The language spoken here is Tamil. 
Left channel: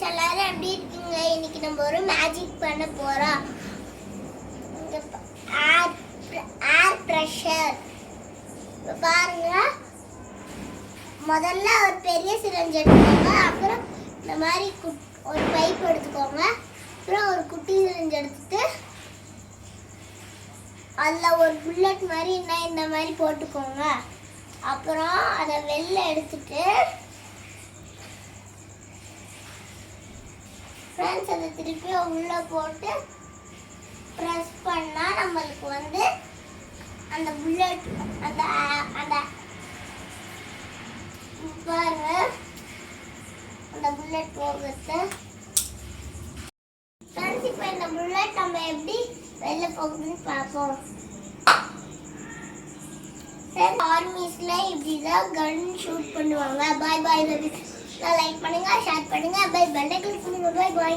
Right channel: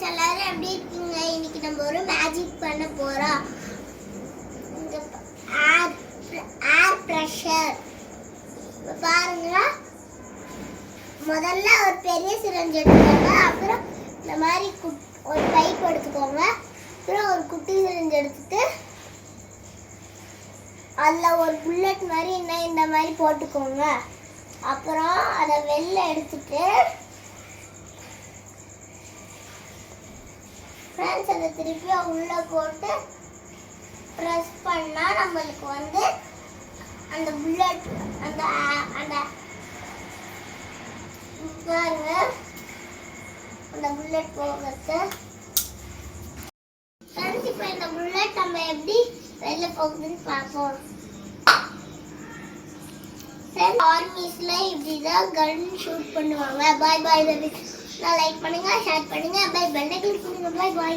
ஃப்ரெண்ட்ஸ் எல்லாரும் எப்படி இருக்கீங்க? இன்னைக்கு நம்ம ஒரு மேஜிக் பண்ண போறோம். ஏர் பிரஷர் பாருங்க. முதல்ல ஒரு பெரிய சிரஞ்ச் எடுத்துக்கோங்க. அப்புறம் இந்த மாதிரி ஒரு பைப் எடுத்துக்கோங்க. அப்புறம் ஒரு குட்டி சிரஞ்ச் எடுத்துட்டு அதில் ஒரு புல்லட் மாதிரி இந்த மாதிரி போட்டுக்கோங்க. அப்புறம் அதை வெளில எடுத்துட்டு ஃப்ரெண்ட்ஸ் அதை திருப்பி உள்ளே போட்டு ப்ரெஸ் பண்ணால் நம்மளுக்கு வந்து அந்த புல்லட் அந்த அந்த பாருங்க அந்த புல்லட் போகிறது. ஃப்ரெண்ட்ஸ் இப்போ இந்த புல்லட் நம்ம எப்படி வெளில போகுதுன்னு பார்ப்போம். ஃப்ரெண்ட்ஸ் ஆர்மிஸ்ல இப்படி தான் கன் ஷூட் பண்ணுவாங்க. பாய் பாய். லைக் பண்ணுங்க, ஷேர் பண்ணுங்க, பை பெல் ஐகான் பண்ணுங்க. பாய் பாய்.